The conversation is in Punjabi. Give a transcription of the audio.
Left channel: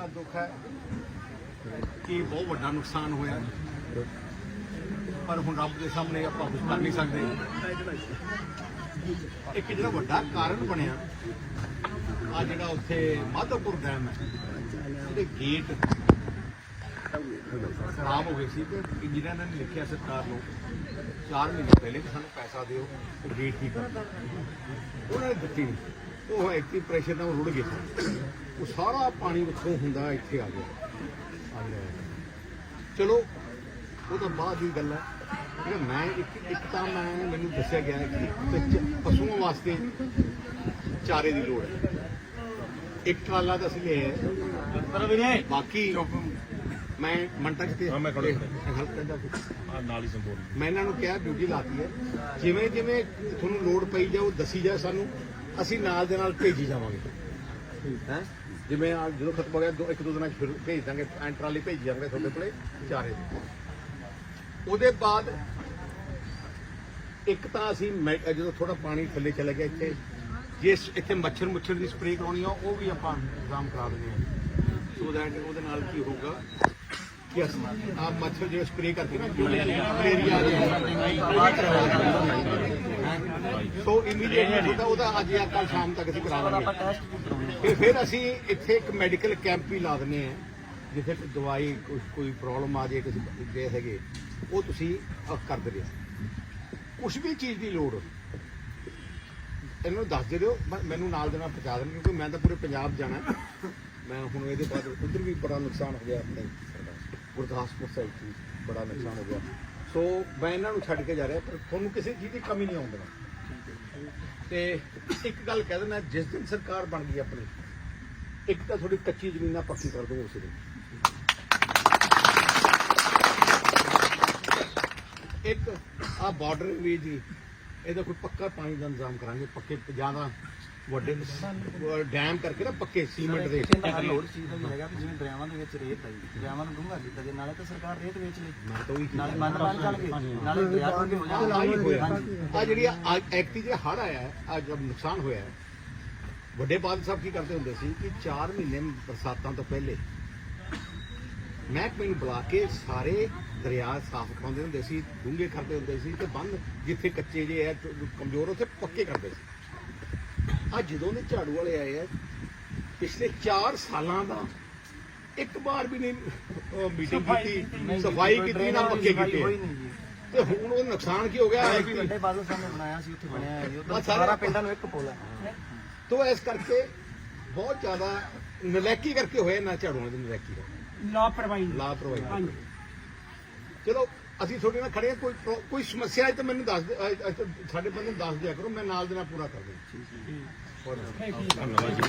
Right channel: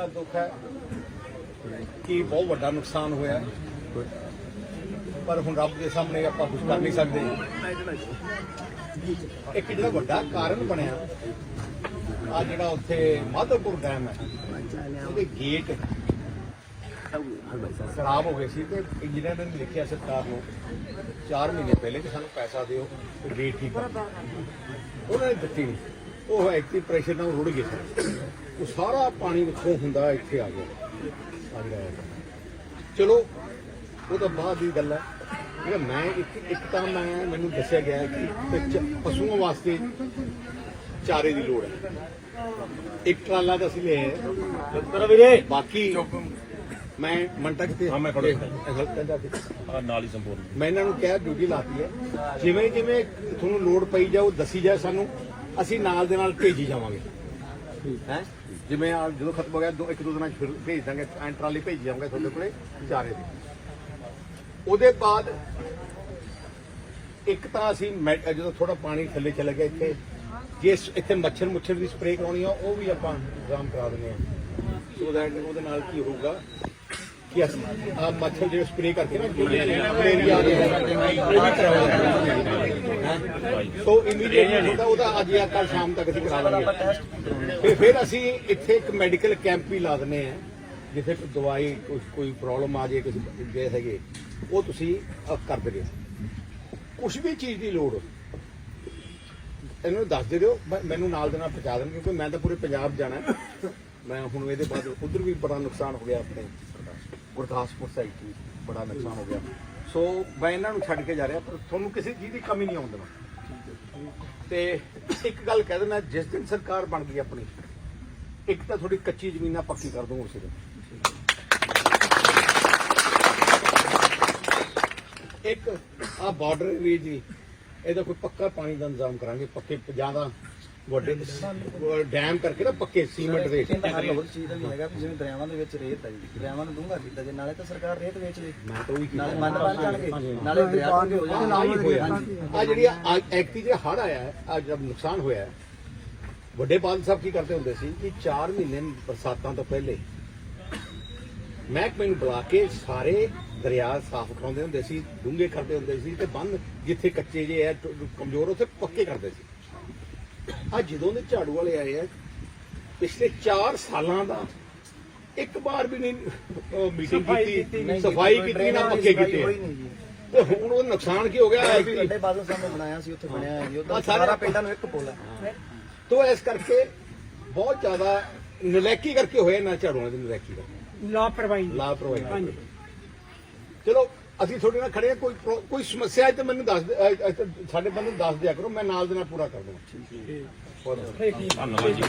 ਬੜਾ ਦੁੱਖ ਹੈ ਕਿ ਬਹੁਤ ਵੱਡਾ ਨੁਕਸਾਨ ਹੋਇਆ ਹੈ। ਪਰ ਹੁਣ ਰੱਬ ਦੇ ਸਾਹਮਣੇ ਆਪਾਂ ਕੁਝ ਕਰ ਨਹੀਂ ਸਕਦੇ। ਇੱਕ ਜਿਹੜਾ ਵੱਡਾ ਕਾਰਨ ਬਣਿਆ ਆ ਜਿਹੜਾ ਉੱਥੇ ਮਾਧੋਪੁਰ ਡੈਮ ਹੈ, ਉਹਦੇ ਗੇਟ ਖਰਾਬ ਹੋ ਗਏ ਸੀ ਤੇ ਇੰਜੀਨੀਅਰ ਨੇ ਲਿਖਿਆ ਸਰਕਾਰ ਨੂੰ 4 ਮਹੀਨੇ ਪਹਿਲੇ ਕਿ ਸਾਨੂੰ ਪੈਸਾ ਦਿਓ ਤੇ ਗੇਟ ਠੀਕ ਕਰ ਉਹਨਾਂ ਨੇ ਦਿੱਤੀ ਨਹੀਂ। ਉਹ ਐਕਟਿਵ ਪ੍ਰੈਸ਼ਰ ਨਾਲ ਰੁੜ ਗਏ ਉਹ ਸਾਰਾ ਪਾਣੀ ਵਿੱਚੋਂ ਹੁੰਦਾ ਇੱਥੇ ਆ ਗਿਆ। ਚਲੋ ਉਹ ਤਾਂ ਬਾਅਦ ਦੀ ਗੱਲ ਹੈ। ਜਿਹੜਾ ਮੈਂ ਇੱਕ ਇੱਕ ਤਾਂ ਮੈਂ ਮੈਨੂੰ ਦੱਸਿਆ ਗਿਆ ਕਿ ਪਸ਼ੂਆਂ ਵਾਸਤੇ ਚਾਰੇ ਦੀ ਲੋੜ ਹੈ। ਇੱਕ ਟਰਾਲਾ ਤਾਂ ਅਸੀਂ ਹੈ। ਕਰ ਵੀਰੇ। ਬਾਕੀ ਮੈਂ ਮੰਟਾ ਕਿਤੇ ਹਾਂ, ਮੈਂ ਫੜਿਆ। ਹੈਲਪ ਕਰਦਾ ਕਿ ਨਾਲ ਹੀ ਸੰਪੂਰਨ। ਮੈਂ ਇਹਨਾਂ ਨੂੰ ਕਿਹਾ ਡਿਊਟੀ ਲਾਤੀ ਹੈ। ਜਿਵੇਂ ਜਿਵੇਂ ਤੁਹਾਨੂੰ ਲੋਡ ਪਈ ਜਾਓ ਦੱਸੀ ਜਾਏ ਸਾਨੂੰ। ਅਸੀਂ ਨਾਲ ਦੇ ਨਾਲ ਭੇਜੀ ਜਾਵਾਂਗੇ। ਹੈ ਜਿਵੇਂ ਆਹ ਜਦੋਂ ਖਤਮ ਹੋ ਗਿਆ, ਦੋ ਇੱਕ ਦੋ ਦਿਨਾਂ 'ਚ ਫਿਰ ਭੇਜ ਦਾਂਗੇ, ਐਂ ਟਰਾਲੀ ਭੇਜ ਜਾਵਾਂਗੇ ਤੁਹਾਡੇ ਕੋਲੇ ਚਾਰੇ। ਉਹਦੇ ਬਾਅਦ ਇੱਕ ਤਾਂ ਅਸੀਂ ਮੈਂ- ਜਦੋਂ ਥੋੜਾ ਪਾਣੀ ਥੱਲੇ ਚਲੇ ਗਿਆ ਇੱਥੇ ਜੇ ਸ- ਇੱਥੇ ਮੱਛਰ ਮੁੱਛਰ ਦੀ ਸਪਰੇਅ ਕਰਾਉਣੀ ਆ, ਉਹ ਵੀ ਆਪਾਂ ਇੰਤਜ਼ਾਮ ਕਰਾ ਦਿੰਦੇ ਆ। ਸੋ ਦੈਟ ਉਹਦੇ ਨਾਲ ਕੀ ਹੋਊਗਾ? ਕਿ ਆ ਮੱਛਰ ਜਿਹੜੇ ਸਪਰੇਅ ਕਰਕੇ ਨਾ ਮਲੇਰੀਆ ਦੇ ਉਹ ਵੀ ਕਰਾਉਣਾ ਸੋ ਇਮੀਡੀਏਟਲੀ ਹੁੰਦਾ ਉਹਦਾ ਅੱਜ ਜਾਂ ਕੱਲ ਸ਼ਾਮ ਤੱਕ ਅਸੀਂ ਕਰਾ ਲਾਂਗੇ ਫਿਰ ਫਿਰ ਅਸੀਂ ਇੱਥੇ ਇੱਕ ਮੈਡੀਕਲ ਕੈਂਪ ਵੀ ਲਾ ਦਿੰਦੇ ਆ ਜਿੱਥੇ ਦਵਾਈ ਕੋਈ ਪ੍ਰੋਬਲਮ ਆ ਜੇ ਕਿਸੇ ਦੇ ਹੈਗੇ ਉਹ ਤੁਸੀਂ ਕਰ ਦੇਵੇ ਕੁਝ ਵੀ ਚੀਜ਼ ਦੀ ਲੋੜ ਇਹਨਾਂ ਦੱਸ ਦੇ ਦਿਓ ਮੈਨੂੰ ਨਾਲ ਦੇ ਨਾਲ ਪਹੁੰਚਾ ਦੇਣ ਕਿਉਂਕਿ ਮੈਂ ਤਾਂ ਪੂਰੇ ਪੰਜਾਬ ਜਾਣਾ। ਮੈਂ ਹੁਣ ਇਹਦੇ ਬਾਅਦ ਉਧਰ ਵੀ ਬੜਾ ਨੁਕਸਾਨ ਹੋ ਗਿਆ ਆਪਣੇ ਗੁਰਦਾਸਪੁਰ ਸਾਈਡ ਵੀ ਬੜਾ ਨੁਕਸਾਨ ਹੋ ਗਿਆ। ਸੋ ਮੈਂ ਇਹਨਾਂ ਨੂੰ ਛੱਡ ਕੇ ਜਾ ਰਿਹਾ, ਪਰ ਤੁਹਾਨੂੰ ਕਿਸੇ ਚੀਜ਼ ਦੀ ਕਮੀ ਨਹੀਂ ਆਉਂਦੀ। ਤੇ ਇੱਕ ਗੱਲ ਕਹਿ ਦਿੰਦਾ, ਜਿਸ ਦਿਨ ਸਰਕਾਰ ਬਣ ਗਈ ਆਪਣੀ, ਇੱਕ ਤਾਂ ਥੋੜੀ ਕੱਚੀ ਜ਼ਮੀਨਾਂ ਪੱਕੀ ਕਰ ਦੋ ਉਸੇ ਦਿਨ। ਇੱਕ ਆ ਬਾਰਡਰ ਏਰੀਆ ਜੀ, ਇਹਦਾ ਕੋਈ ਪੱਕਾ ਪਾਣੀ ਦਾ ਇੰਤਜ਼ਾਮ ਕਰਾਂਗੇ, ਪੱਕੇ ਜ਼ਿਆਦਾ ਵੱਡੇ ਡੈਮ ਕਰਕੇ ਨਾ ਪੱਕੇ ਸੀਮੈਂਟ ਦੇ। ਹੋਰ ਚੀਜ਼ ਦਾ ਵੀ ਹੈਗਾ ਵੀ ਜਿਵੇਂ ਦਰਿਆਵਾਂ ਦੇ ਵਿੱਚ ਰੇਤ ਆਈ ਦਰਿਆਵਾਂ ਨੂੰ ਡੂੰਘਾ ਕੀਤਾ ਜੇ ਨਾਲੇ ਤਾਂ ਸਰਕਾਰ ਰੇਤ ਵੇਚ ਲਈ। ਮੈਂ ਤਾਂ ਉਹੀ ਨਾਲੇ ਮੰਨ ਬਣ ਜਾਣਗੇ ਨਾਲੇ ਦਰਿਆ ਡੂੰਘੇ ਹੋ ਹਾਂ ਜਾਣਗੇ ਆਹੀ ਹੋਇਆ। ਆ ਜਿਹੜੀ ਐਕਟੀ ਜੇ ਹੜ ਆਇਆ ਹੈ ਆ ਜਦ ਨੁਕਸਾਨ ਹੋਇਆ ਵੱਡੇ ਬਾਦਲ ਸਾਹਿਬ ਕੀ ਕਰਦੇ ਹੁੰਦੇ ਸੀ? ਕਿ 4 ਮਹੀਨੇ ਬਰਸਾਤਾਂ ਤੋਂ ਪਹਿਲੇ ਮਹਿਕਮੇ ਨੂੰ ਬੁਲਾ ਕੇ ਸਾਰੇ ਦਰਿਆ ਸਾਫ਼ ਕਰਾਉਂਦੇ ਹੁੰਦੇ ਸੀ ਡੂੰਘੇ ਕਰਦੇ ਹੁੰਦੇ ਸੀ ਤੇ ਬੰਨ ਜਿੱਥੇ ਕੱਚੇ ਜੇ ਕਮਜ਼ੋਰ ਉੱਥੇ ਪੱਕੇ ਕਰਦੇ ਸੀ। ਆ ਜਦੋਂ ਦੇ ਝਾੜੂ ਵਾਲੇ ਆਏ ਆ ਪਿਛਲੇ 4 ਸਾਲਾਂ ਦਾ ਇੱਕ ਵਾਰ ਵੀ ਨਹੀਂ ਮੀਟਿੰਗ ਕੀਤੀ ਸਫ਼ਾਈ ਕੀਤੀ ਨਾ ਪੱਕੇ ਕੀਤੇ। ਤੇ ਹੁਣ ਉਹ ਨੁਕਸਾਨ ਕੀ ਹੋ ਗਿਆ ਵੱਡੇ ਬਾਦਲ ਸਾਹਿਬ ਨੇ ਬਣਾਇਆ ਸੀ ਉੱਥੇ ਬਣਿਆ ਜੀ। ਉਹ ਸਾਰਾ ਪਿੰਡਾਂ ਨੂੰ ਇੱਕ ਪੁੱਲ ਹੈ। ਤੋ ਇਸ ਕਰਕੇ ਬਹੁਤ ਜ਼ਿਆਦਾ ਨਲੈਕੀ ਕਰਕੇ ਹੋਇਆ ਨਾ ਝਾੜੂਆਂ ਦੀ ਨਲੈਕੀ ਦਾ। ਲਾਪਰਵਾਹੀ। ਲਾਪਰਵਾਹੀ। ਚਲੋ ਅਸੀਂ ਤੁਹਾਡੇ ਨਾਲ ਖੜੇ ਹਾਂ ਕੋਈ ਪ੍ਰੋ- ਕੋਈ ਸਮੱਸਿਆ ਹੈ ਤਾਂ ਮੈਨੂੰ ਦੱਸ ਅਹ, ਸਾਡੇ ਬੰਦੇ ਨੂੰ ਦੱਸ ਦਿਆ ਕਰੋ ਮੈਂ ਨਾਲ ਦੇ ਨਾਲ ਪੂਰਾ ਕਰ ਦੂੰਗਾ ਠੀਕ ਹੈ।